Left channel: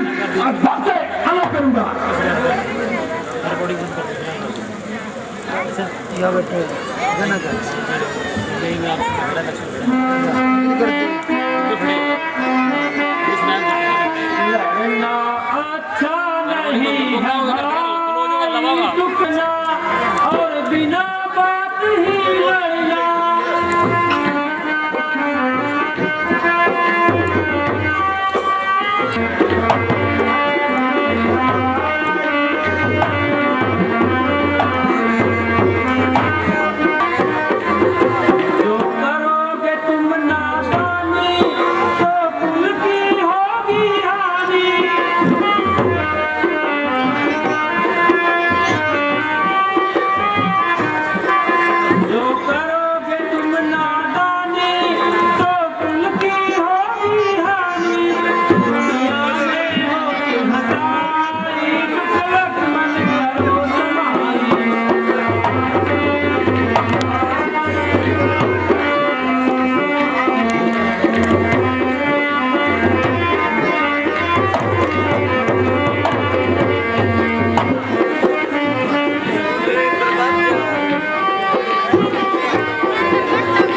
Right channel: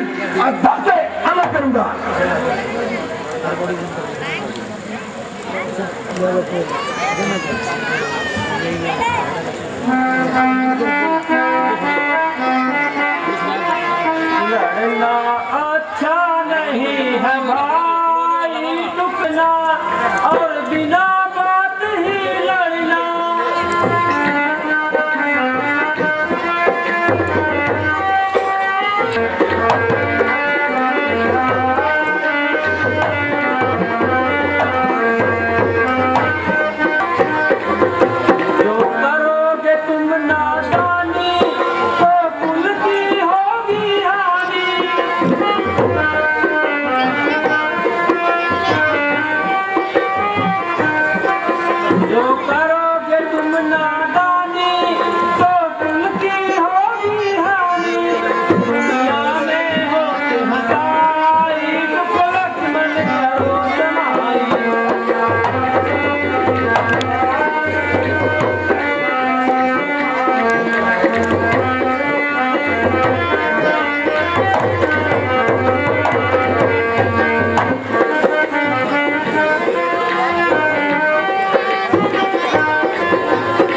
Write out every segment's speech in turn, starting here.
इस अध्याय से अलग करूंगा। लड़ना अच्छा नहीं है भाई, रुकना और बिना बात ही लड़ना। जो करोगे तुम नादानी तो कुल की होगी हानि। जो करोगे तुम नादानी तो कुल की होगी हानि। दुनिया में हो तुम हसाई, दुख लक्ष्मण करो समाई।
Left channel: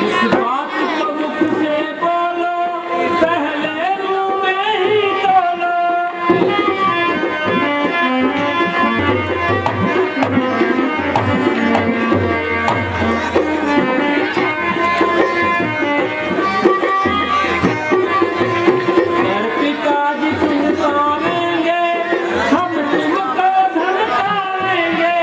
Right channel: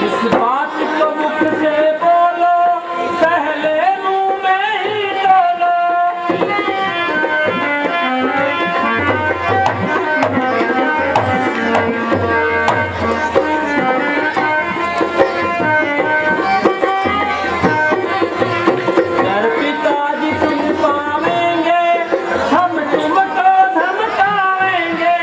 इस बात को मुख से बोलो, पहले मुंह में ही तोलो। घर पिताजी चुमकावेंगे, हम तुमको धमकावेंगे।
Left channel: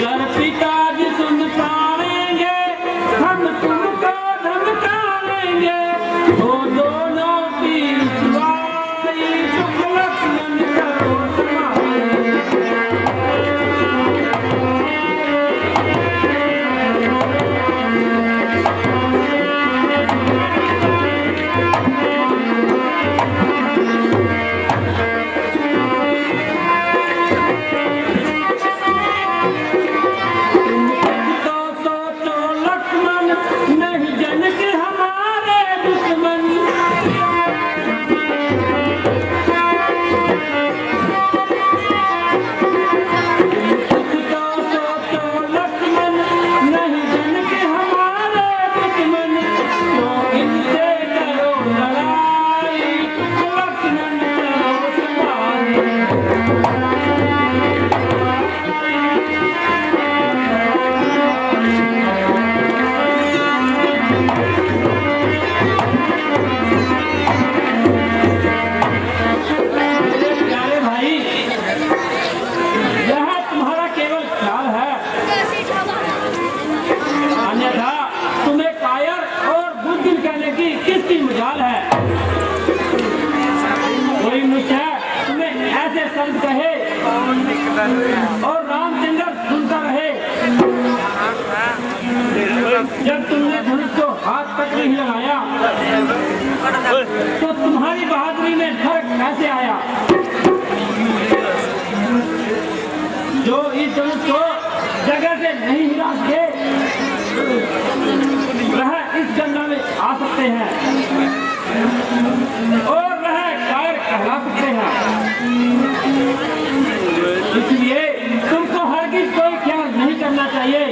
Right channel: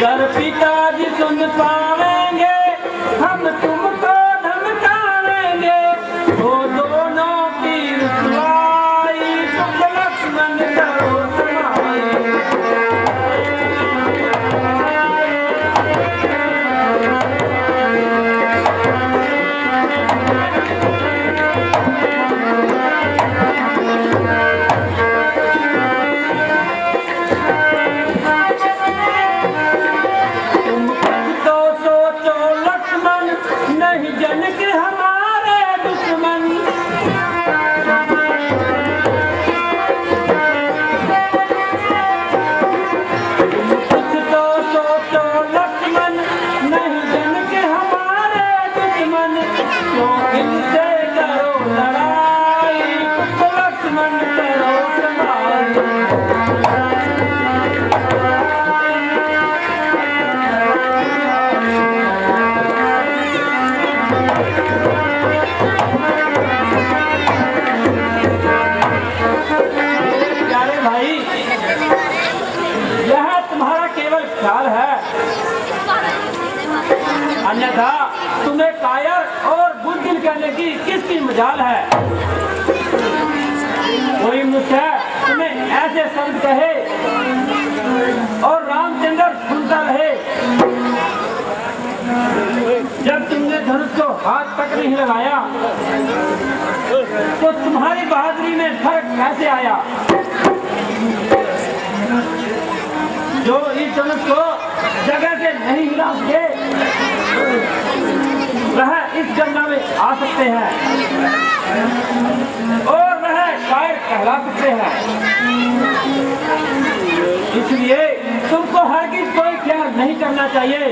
घर पिताजी सुन पावेंगे, हम तुमको धमकावेंगे। वो दोनों की रुसवाई, दुख लक्ष्मण करो समाई। तुम कुछ तो सोचो लक्ष्मण, नहीं जन के हमारे दुश्मन। तुम कुछ तो सोचो लक्ष्मण, नहीं जन के हमारे दुश्मन। तो इनसे करो लड़ाई, तो लक्ष्मण करो समाई। प्यारे भाई, यह तुम्हारा केवल ख्याल है, अन्यथा तुम्हें कायर और बुद्धिमान कहने की किसकी मजाल है। कोई मनुष्य तुम्हें ऐसे शब्द कहे और रामचंद्र सुनता रहे। जब तुमने धनुष को हाथ तक नहीं लगाया तो तुम्हारी बहादुरी में फर्क कैसे आया। जो इस धनुष को जगह से नहीं हिला सके, वह इस गंगा में आ सकते हैं और वह कायर कहला सकते हैं। इसलिए तुमको हरगिज कोई ख्याल नहीं करना चाहिए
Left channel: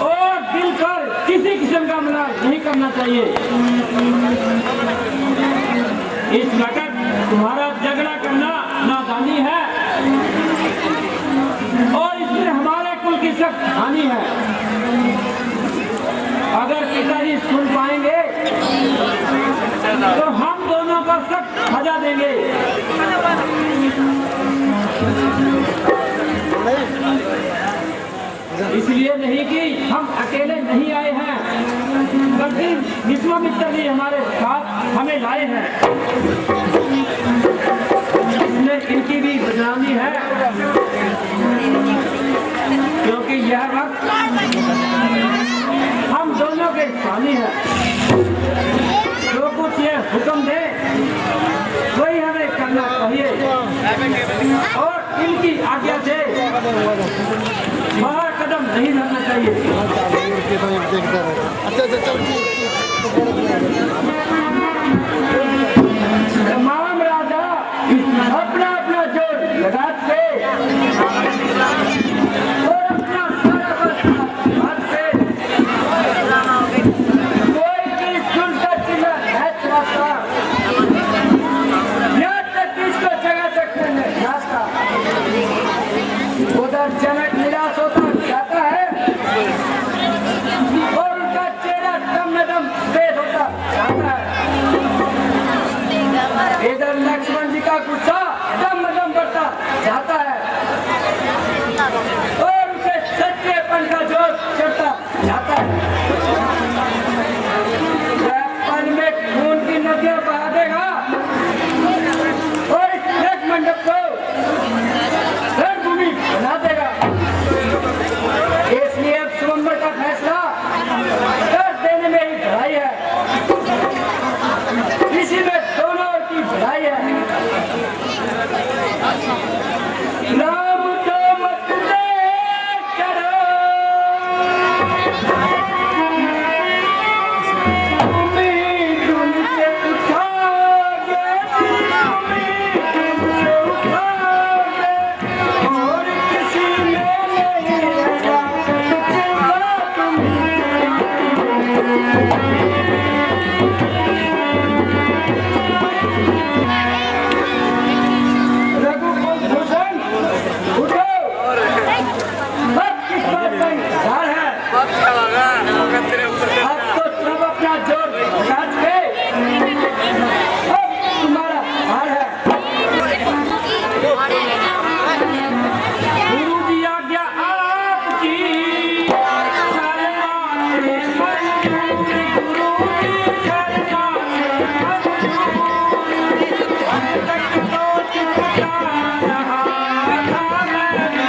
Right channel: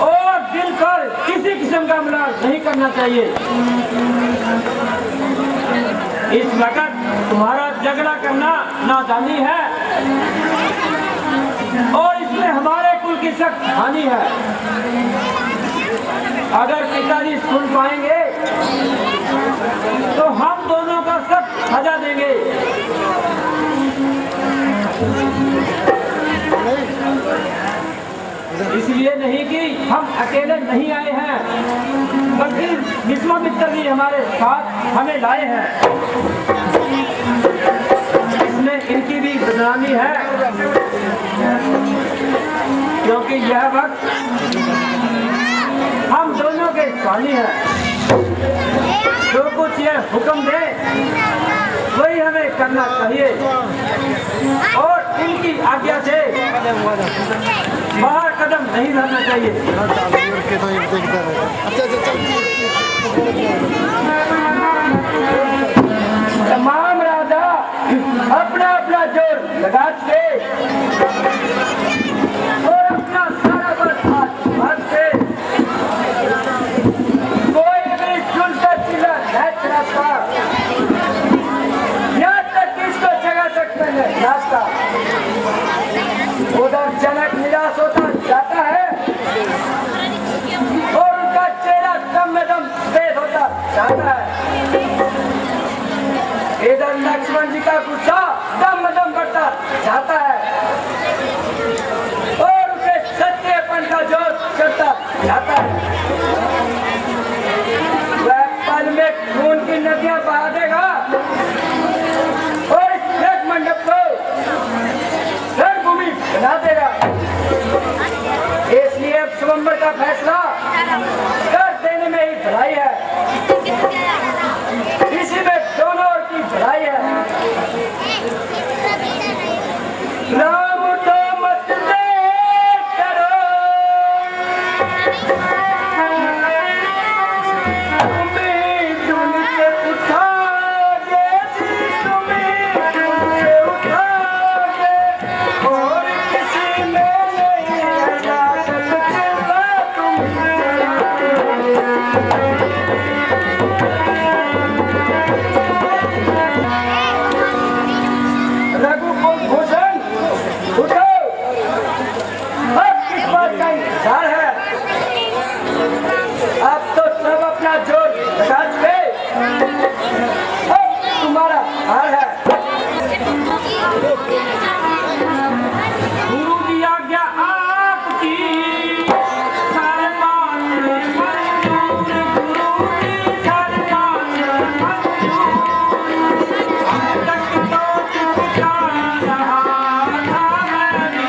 और दिल कर किसी किस्म का मलाल नहीं करना चाहिए। इस वक्त तुम्हारा झगड़ा करना नादानी है और इसमें हमारे कुल की सख्त हानि है। अगर पिताजी सुन पाएंगे तो हम दोनों का सख्त सजा देंगे। इसलिए नहीं कि हम अकेले नहीं आए हैं, बल्कि विश्वामित्र भी हमारे साथ हमें लाए हैं। इसमें इनकी भी बदनामी है, क्योंकि यह वक्त हम दोनों के स्वामी है। जो कुछ ये हुक्म दे वही हमें करना चाहिए और इनकी आज्ञा से बाहर कदम नहीं रहना चाहिए। तमाम राजा अपना अपना जोर लगाते और अपना सारा बल हाथ से कोई भी सुनकर चिल्ला नहीं चलाता, यहाँ तक इसको जगा सकते हैं रास्ता। उधर जनक निराश होता जाता है और उनका चेहरा दम में दम तेज होता जाता है। इधर लक्ष्मण जी का गुस्सा दम में दम बढ़ता जाता है और उसे सत्यपन का जोश चढ़ता जाता है। वह पल में खून की नदियां बहा देगा और इस यज्ञ मंडप को रणभूमि बना देगा। इसलिए अब स्वयंवर का फैसला कर देने में ही भलाई है, इसी में दोनों ओर की भलाई है। राम तो मत देख करो, उम्मीद उनसे उठाओगे जी, उम्मीद उनसे उठाओगे और किसी में नहीं लगा सकते तुम। रघुकुल भूषण उठो, अब किस बात का इंतजार है? अब तो सब अपना जोर लगा चुके, अब तुम्हारा हार है। गुरु की आज्ञा आपकी, सारे मानते मंजूरी, गुरु की सारे मानते मंजूरी। अब तक तो चुपता रहा था मैं भी।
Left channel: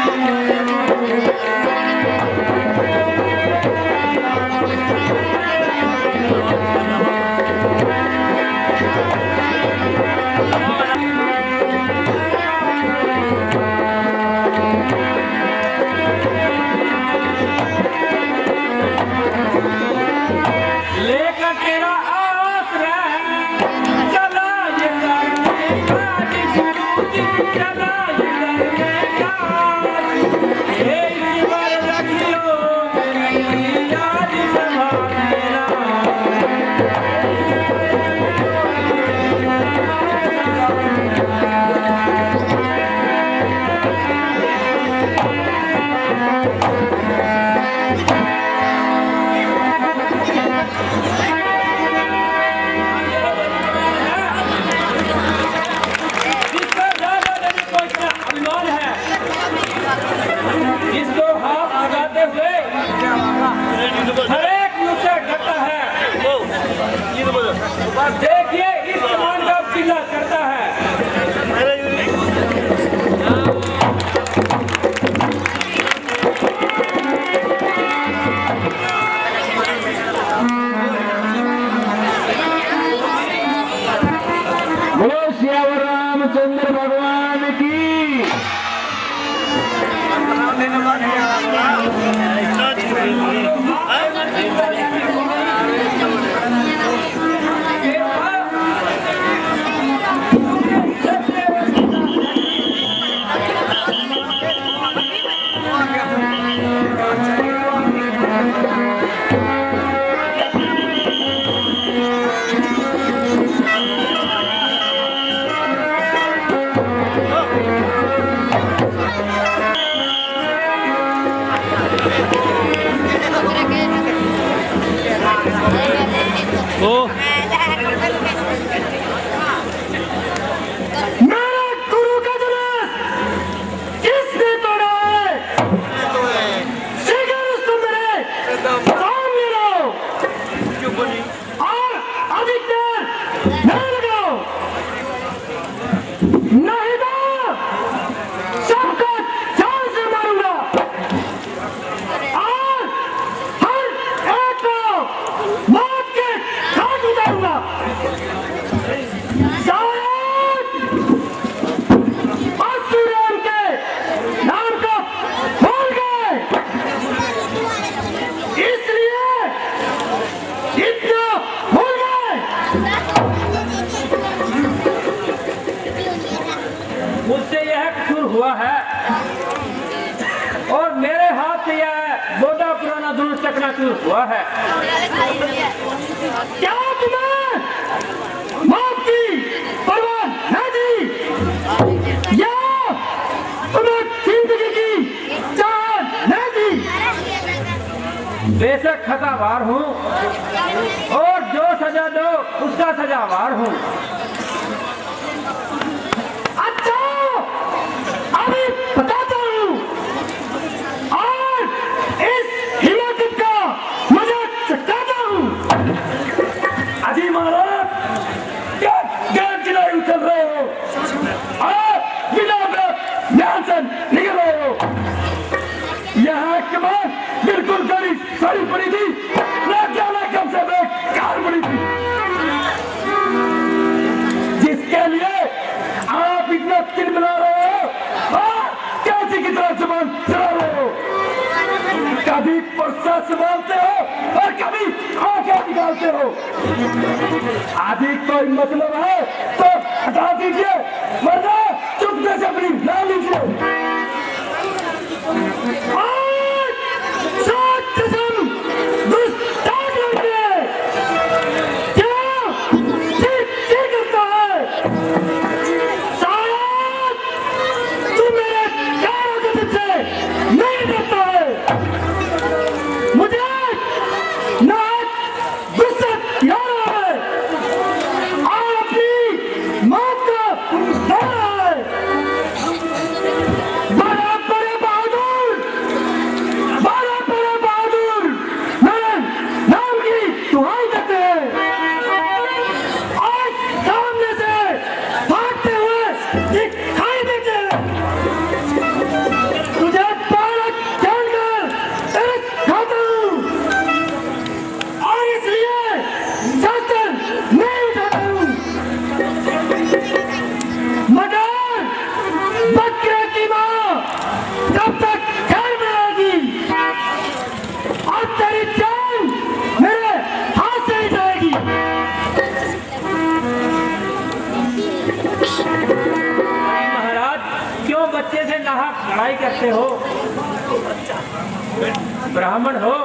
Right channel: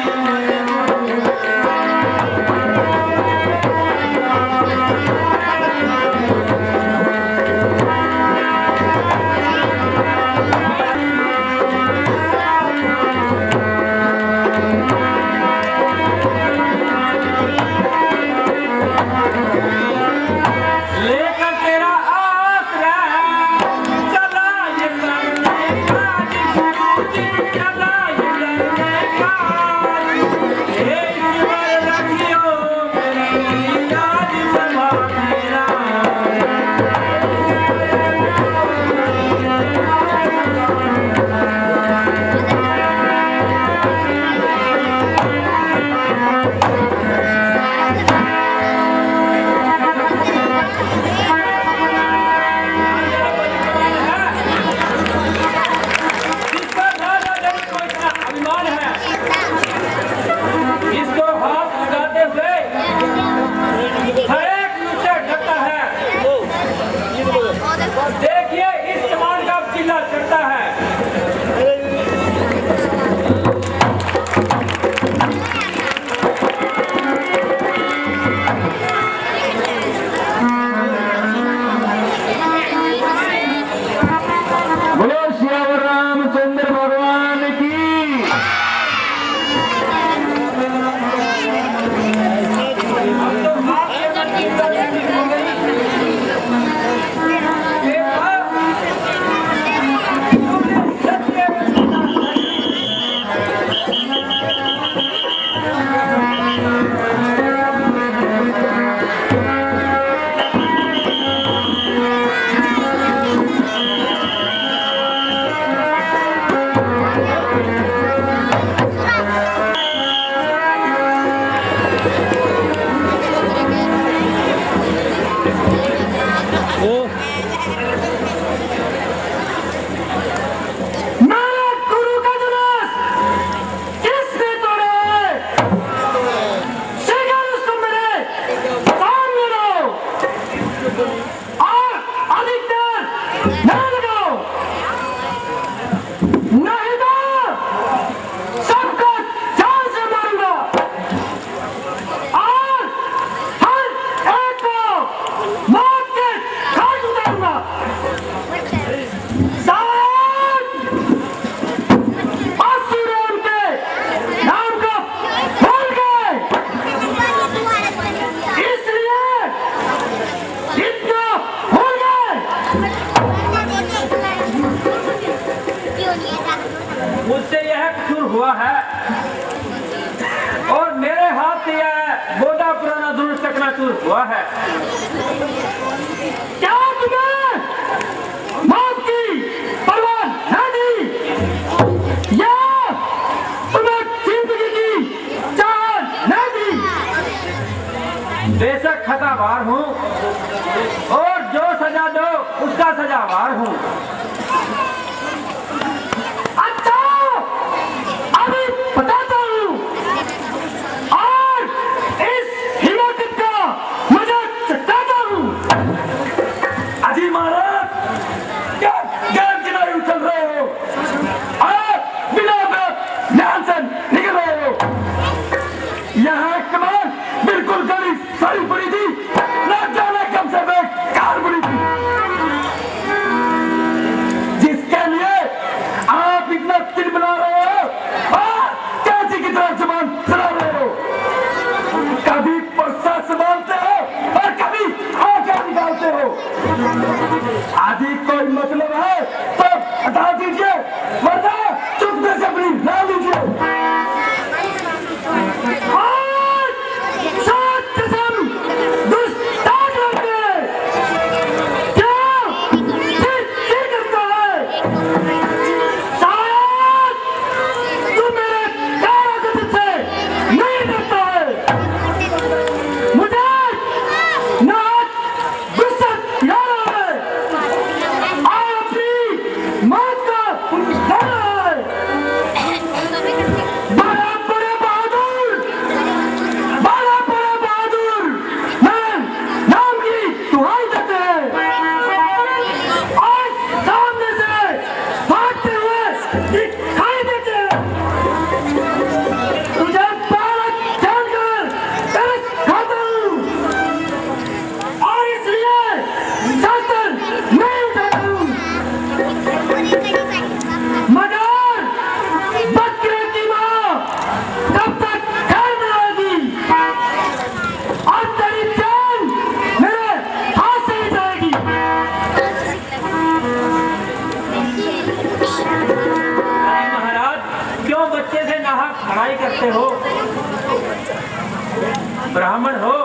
लेकर तेरा आसरा चला ये लड़ने का जी, गुरु जी चला ये लड़ने का। हे ईश्वर रखियो मेरी याद संभाल मेरा। जिस पर राजा जनक को इतना अभिमान है, इसको हाथ लगाते हुए हर एक मुझसे डरता है। देखिए इस कमान का चिल्ला करता है। बोलो श्री रामचंद्र भगवान की। मौत के घाट उतारूंगा। महसूस हुआ है। क्या तुम्हें मौत की परवाह नहीं थी, या तुम्हें जिंदगी की चाह नहीं थी? बेशक खतावार हूँ और जो सजा दो उसका सजावार हूँ। अच्छा, अभी बताता हूँ और इस हिमाकत का मजाक चटाता हूँ। अजी महाराज, क्या गैर किनारे उछल रहे हो और बिना बात ध्यान से निकल रहे हो? यहाँ कमान बिल्कुल गली सही पड़ी थी, ना जाने कब से बेकार पड़ी थी, जिसके लिए आप इतना चिल बना रहे हो और कैसी की तरह जुबान चला रहे हो। कभी पर्सा संभालते हो और कभी आंखें निकालते हो। आदि कोई मतलब है तो हटा दीजिए, वरना चुपके से अपनी ला लीजिए। और सात कसम दुष्टान लगे, क्या ठीक करता है? शायद तू मेरे प्यार से नहीं डरता है। मुझे ना गुस्सा आ रहा है और अपनी मौत का डर रहा है। बड़ा बड़े बहादुर मेरे नाम की दुहाई देते हैं और सामने से भागते हुए दिखाई देते हैं। तुझे बालक जानकर तरस खाता हूँ और इसलिए शस्त्र नहीं उठाता हूँ, मगर बकरे की माँ तब तक घर में आएगी और तेरी जान मेरे हाथ से ही जाएगी। महाराज, क्यों बच्चे से नाहक लड़ाई करते हो? ब्राह्मण हो,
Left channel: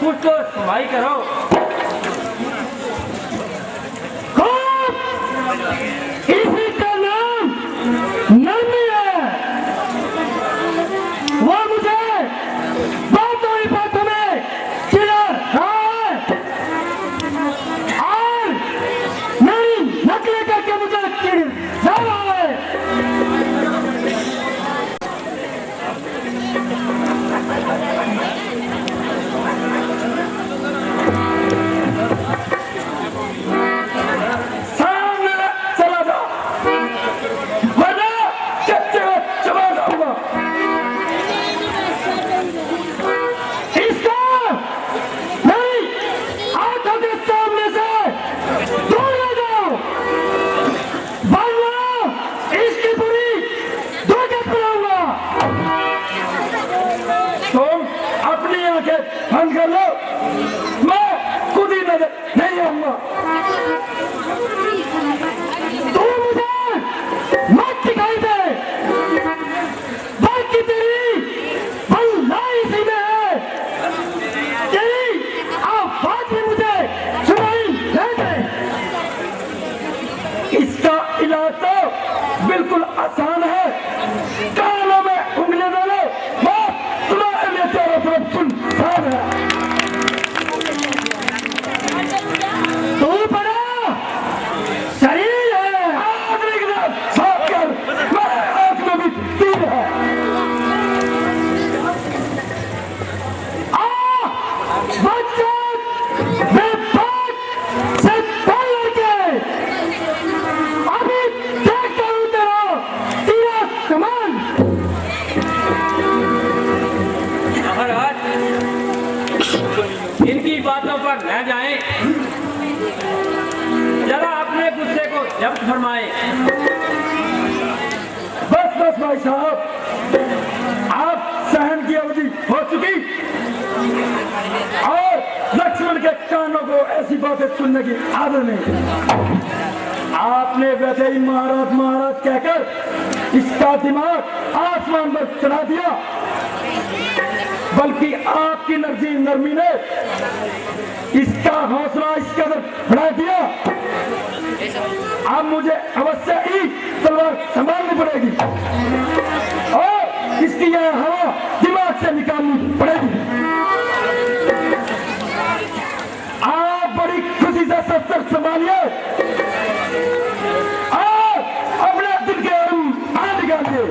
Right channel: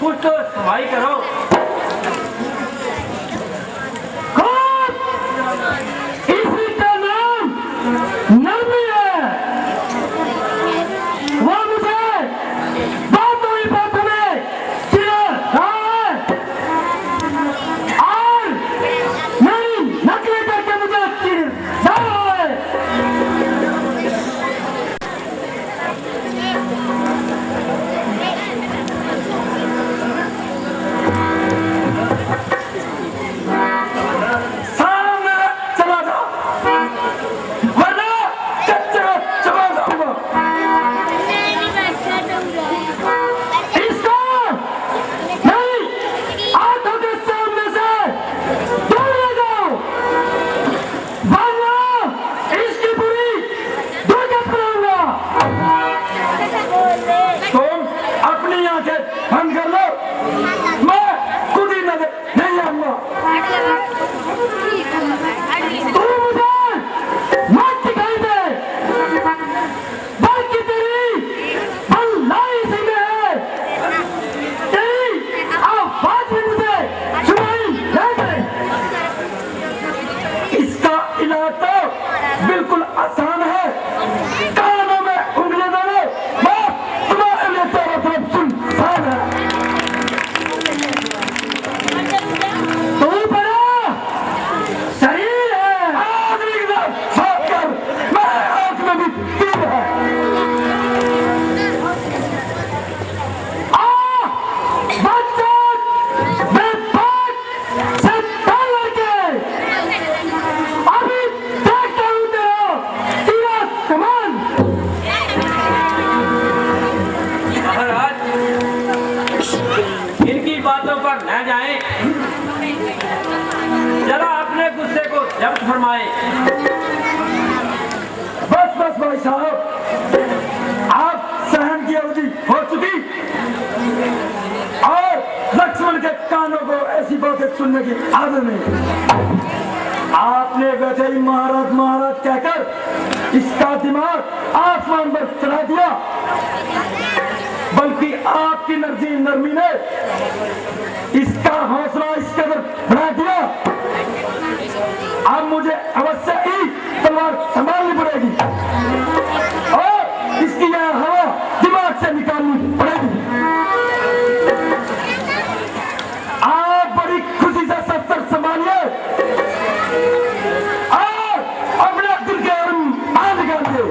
कुछ तो सफाई करो। खूब, इसी का नाम नरमी है। वो मुझे बातों ही बातों में चिढ़ा रहा है और मेरी नकली करके मुझे चिढ़ रहा है। सामने चला जाओ, वरना कच्चे को चबा दूंगा। इसको मेरी आंखों के सामने से दूर ले जाओ, वरना इसकी पूरी दुर्गत बनाऊंगा। तुम अपनी आंखें बंद कर लो, मैं खुद ही नजर नहीं आऊंगा। तू मुझे मत दिखाई दे, बल्कि तेरी भलाई इसी में है। तेरी आवाज भी मुझे सुनाई नहीं दे। इसका इलाज तो बिल्कुल आसान है, कानों में उंगली डालो, बस तुम्हारे लिए चारों तरफ सुनसान है। तू बड़ा शरीर है। आदमी के साथ साफ कर, मेरे आंख में भी तीर है। बच्चों, मैं बात से डर के अभी देखता हूँ तेरा कमान। महाराज, इनकी बातों पर न जाएं, जरा अपने गुस्से को जब्त फरमाएं। बस बस भाई साहब, आप सहन की अवधि हो चुकी और लक्ष्मण के कानों को ऐसी बातें सुनने की आदत नहीं। आपने वैसे ही महाराज महाराज कहकर इसका दिमाग आसमान पर चढ़ा दिया, बल्कि आपकी नरमी ने इसका हौसला इस कदर बढ़ा दिया, अब मुझे अवश्य ही तलवार संभालनी पड़ेगी और इसकी यह हवा दिमाग से निकालनी पड़ेगी। आप बड़ी खुशी से शस्त्र संभालिए और अपने दिल के बाहर निकालिए।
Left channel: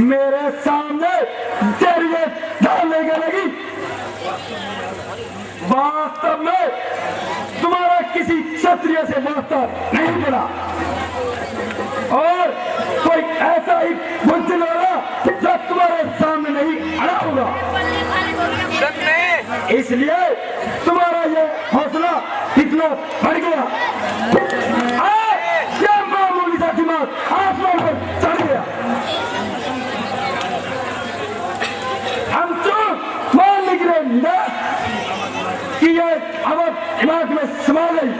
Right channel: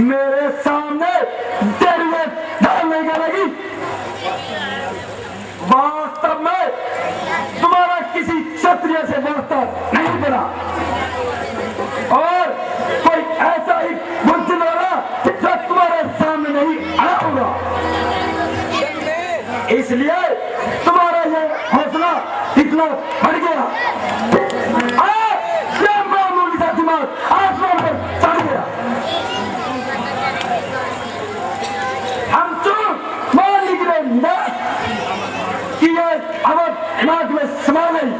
मेरे सामने तेरी ढालने का लगी। वास्तव में तुम्हारा किसी क्षत्रिय से वास्ता नहीं पड़ा और कोई ऐसा ही बुद्धिमान होगा जो तुम्हारे सामने नहीं आया होगा, इसलिए तुम्हारा ये हौसला इतना बढ़ गया। ये मामूली सा दिमाग आसमान पर चढ़ गया। हम तो मान निकले कि ये आवाज दिमाग में समा गई,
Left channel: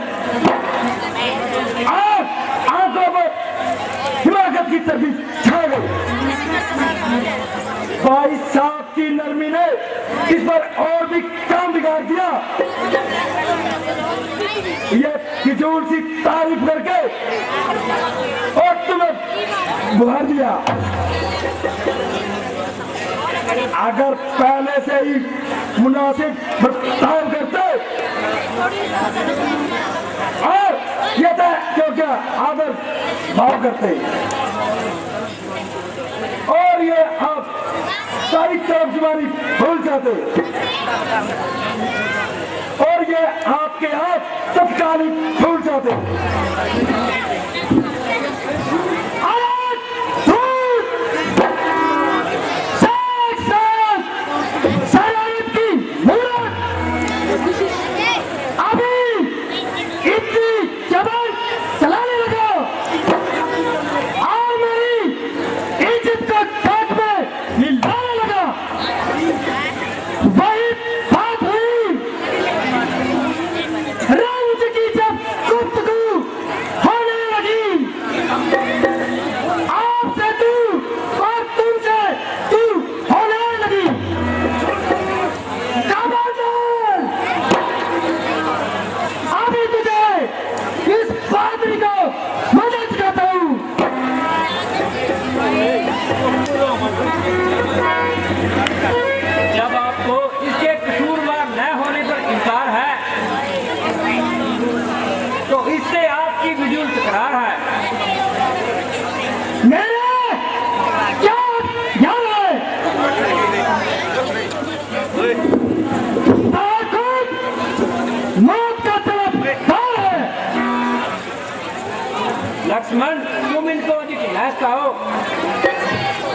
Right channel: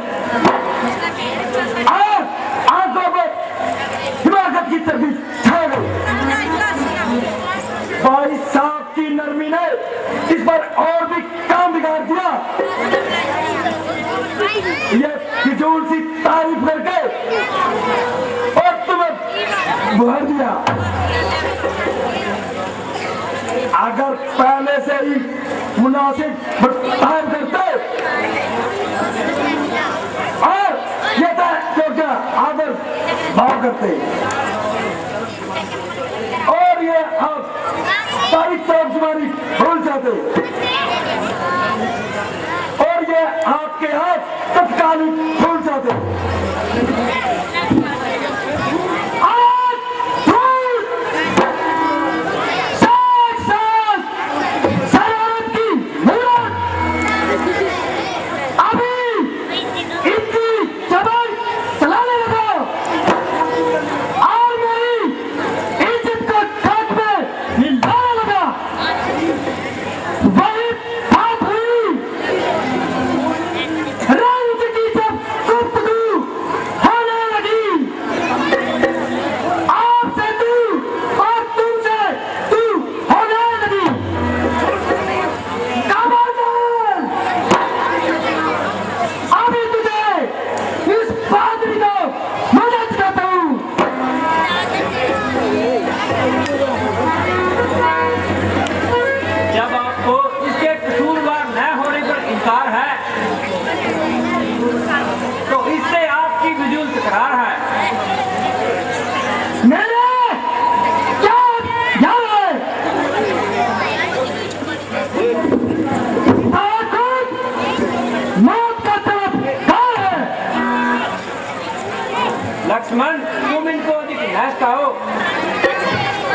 आंखों पर हिमाकत की तरफ छा गई। भाई साहब की नरमी ने इस बार और भी काम बिगाड़ दिया। ये फिजूल सी तारीफ करके और तुम्हें बुला दिया। अगर पहले से ही मुनासिब बर्ताव करते और ये योग्य आदर भाव करते और ये आप सारी तरफदारी भूल जाते और ये आपके हाथ तत्कालिक भूल जाते। लक्ष्मण, तुम इनको लहसता हो,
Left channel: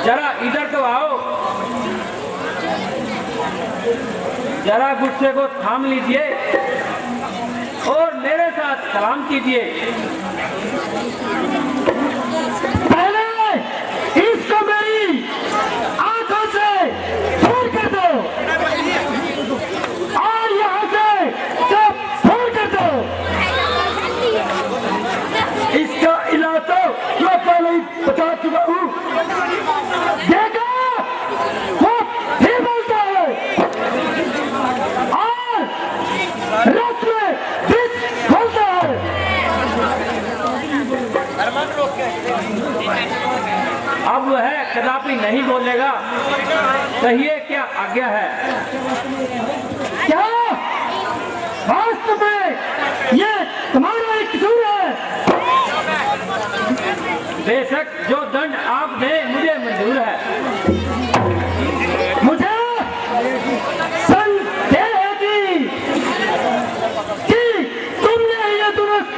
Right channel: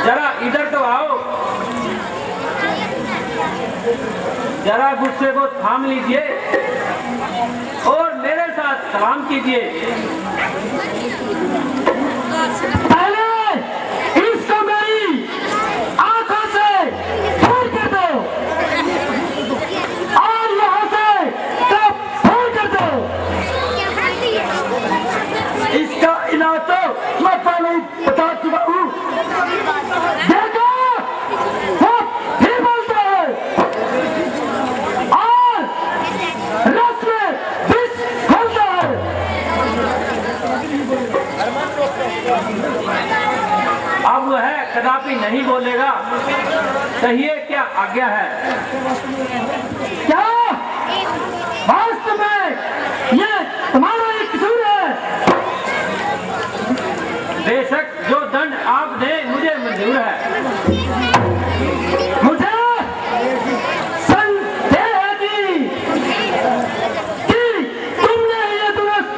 जरा इधर तो आओ, जरा गुस्से को थाम लीजिए और मेरे साथ सलाम कीजिए। पहले इसको मेरी आंखों से दूर कर दो और यहाँ से सब दूर कर दो। इसका इलाज तो मैं पहले ही बता चुका हूँ। देखो वो फिर बोलता है और रस में विष खोलता है। अब वह कदापि नहीं बोलेगा, कहिए क्या आज्ञा है। क्या वास्तव में ये तुम्हारा एक कसूर है? बेशक जो दंड आप दें मुझे मंजूर है। मुझे संदेह है कि तुमने ये दुरुस्त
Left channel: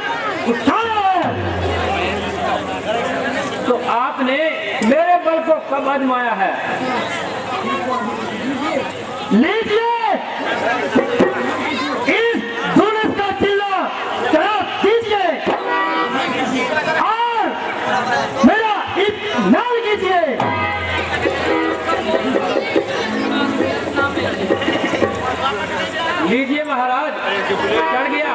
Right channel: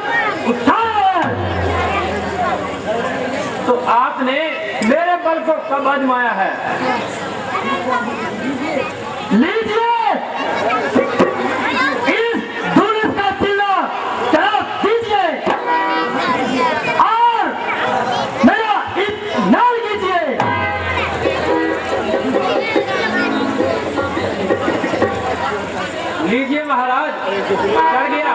उठाया है। तो आपने मेरे बल को कब आजमाया है? लीजिए इस दुरुस्त का चिल्ला जवाब दीजिए और मेरा इत्मीनान कीजिए। लीजिए महाराज, चढ़ गया।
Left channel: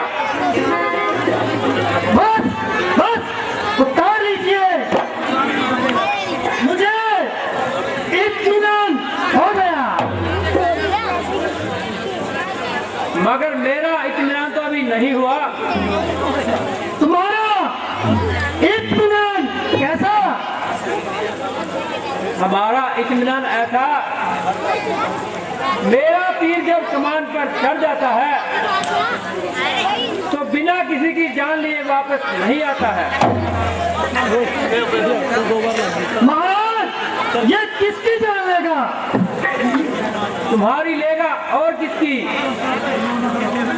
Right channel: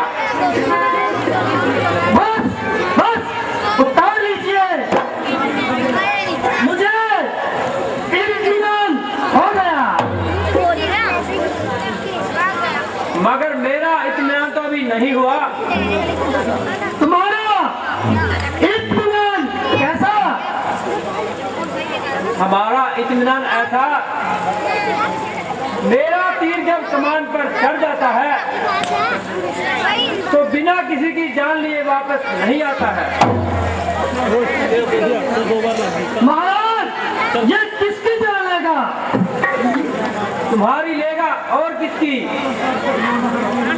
बस बस उतार लीजिए। मुझे इत्मीनान हो गया। मगर मेरा इत्मीनान तो अभी नहीं हुआ। तुम्हारा इत्मीनान कैसा? हमारा इत्मीनान ऐसा, मेरा तीर जब कमान पर चढ़ जाता है तो बिना किसी की जान लिए वापस नहीं आता है। महाराज ये किसकी जान लेगा? तुम्हारी लेगा और किसकी?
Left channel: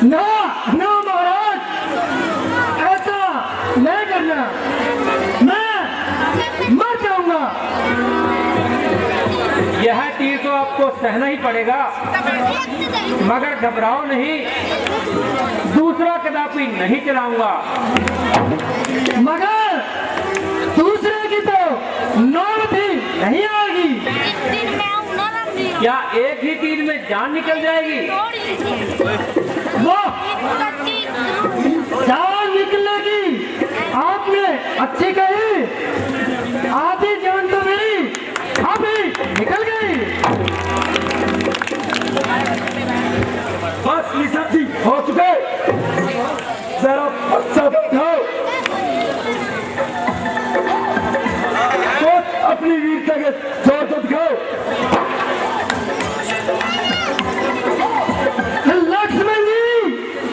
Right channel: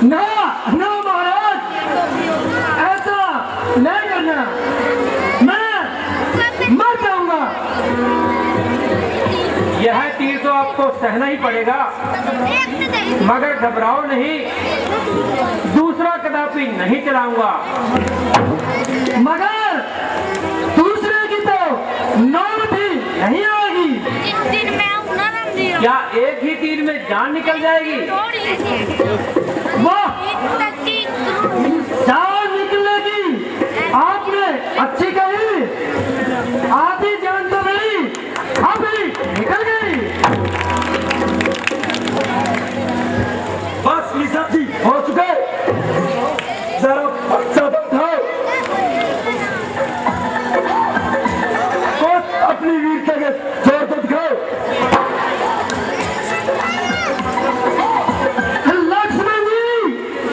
ना ना महाराज ऐसा नहीं करना, मैं मर जाऊंगा। यह तीर तो आपको सहना ही पड़ेगा, मगर घबराओ नहीं, दूसरा कदापि नहीं चलाऊंगा। मगर दूसरे की तो नौबत भी नहीं आएगी। क्या एक ही तीर में जान निकल जाएगी? वाह जान निकलेगी, आपने अच्छी कही। आधी जान तो मेरी अभी निकल गई। बस निशा जी हो चुके, जरा बच्चा बैठाओ। कुछ अपनी वीरता के जोर तो दिखाओ।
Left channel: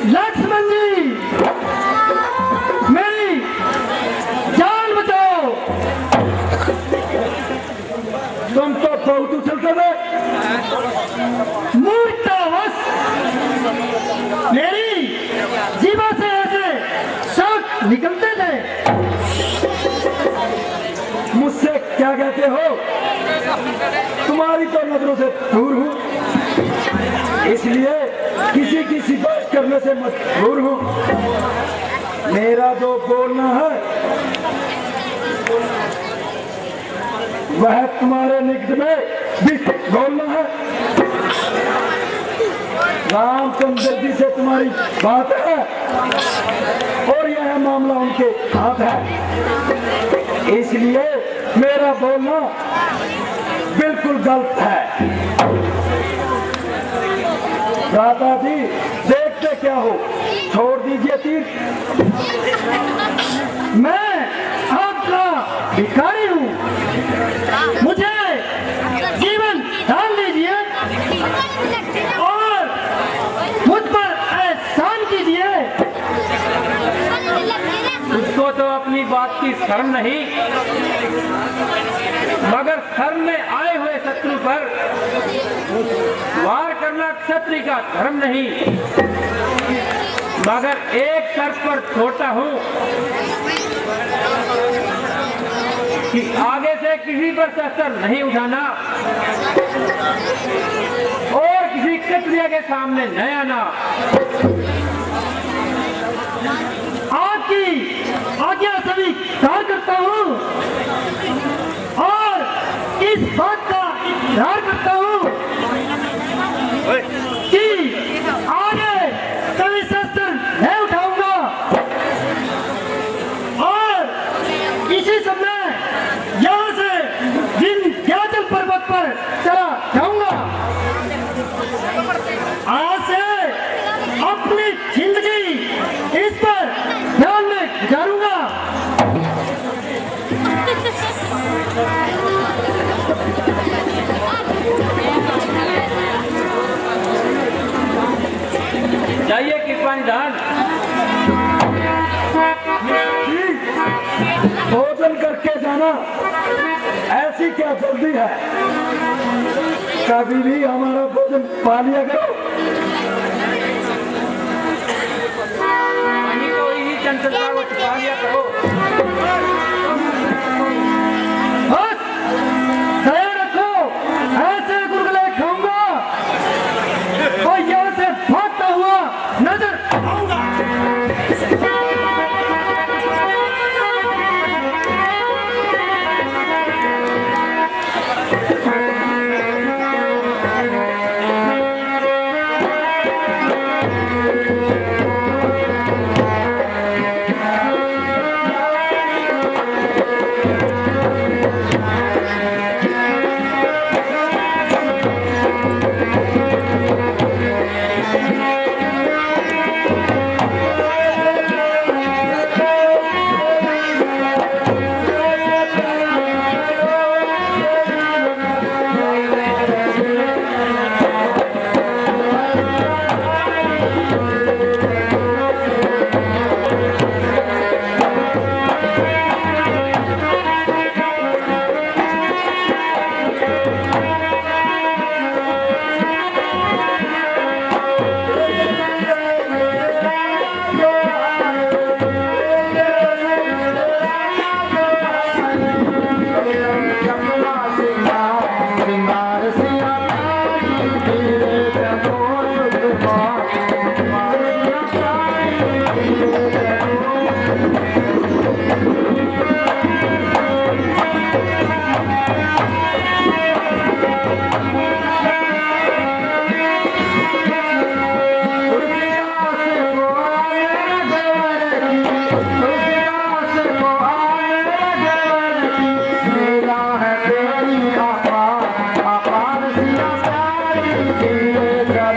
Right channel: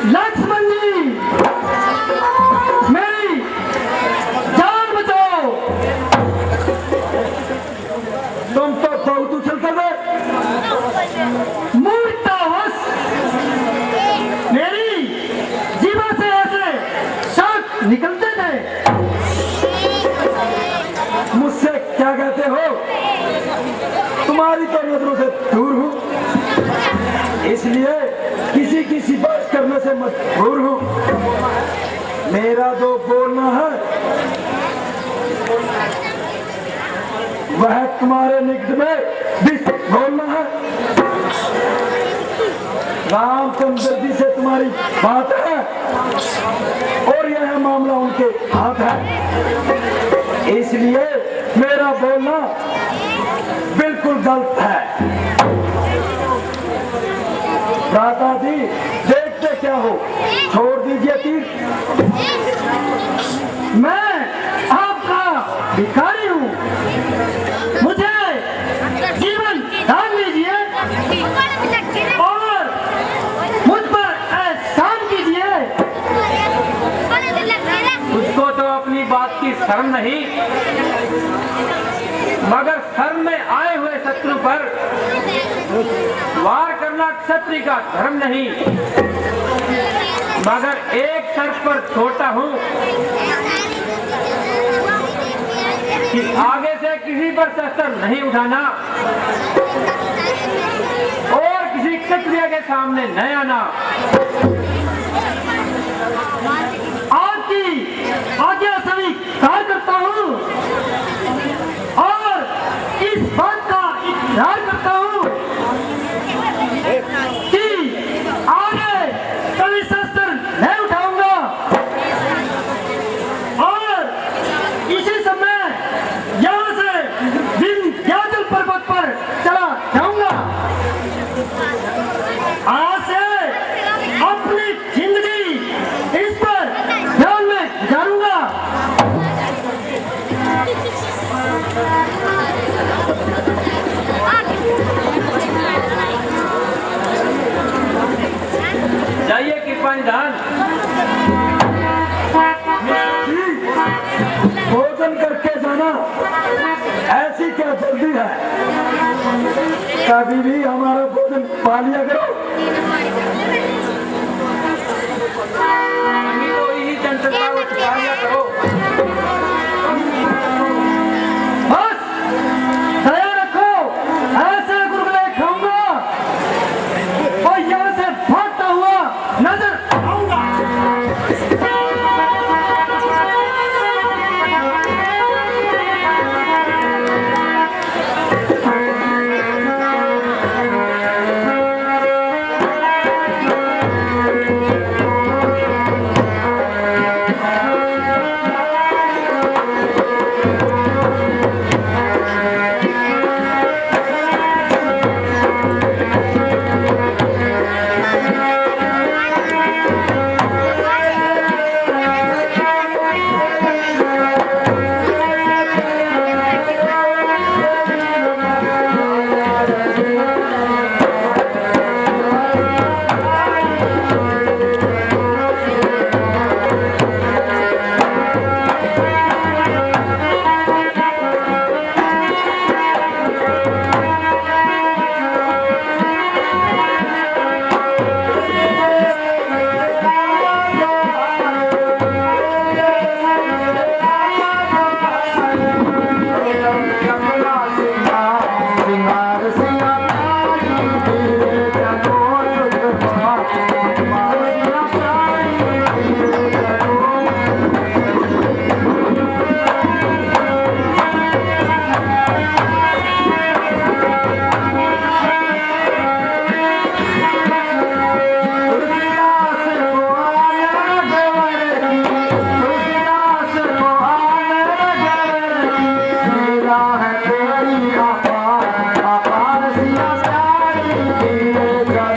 लक्ष्मण जी मेरी जान बचाओ। तुम तो बहुत उछलते थे। मूर्तावश मेरी जीवा से ऐसे शब्द निकलते थे। मुझसे क्या कहते हो? तुम्हारी तो नजरों से दूर हूँ, इसलिए किसी की सिफारिश करने से मजबूर हूँ। मेरा जो बोलना है वह तुम्हारे निकट में भी बोलना है। रामचंद्र जी से तुम्हारी बात है और यह मामला उनके हाथ है, इसलिए मेरा बोलना बिल्कुल गलत है। भ्राता जी देखते क्या हो, छोड़ दीजिए तीर। मैं आपका भिखारी हूँ, मुझे जीवन दान लीजिए और मुझ पर एहसान कीजिए। उसको तो अपनी बात की शर्म नहीं, मगर शर्म में आए हुए शत्रु पर वार करना क्षत्रिय का धर्म नहीं। मगर एक शर्त पर छोड़ता हूँ कि आगे से किसी पर शस्त्र नहीं उठाना और किसी क्षत्रिय के सामने न आना। पा लिया करो। वही तो यही चंचलता को छुपा लिया करो। बस तैयार रखो, ऐसे गुलगुले खाऊंगा और यहाँ से भागता हुआ नजर आऊंगा। तेरी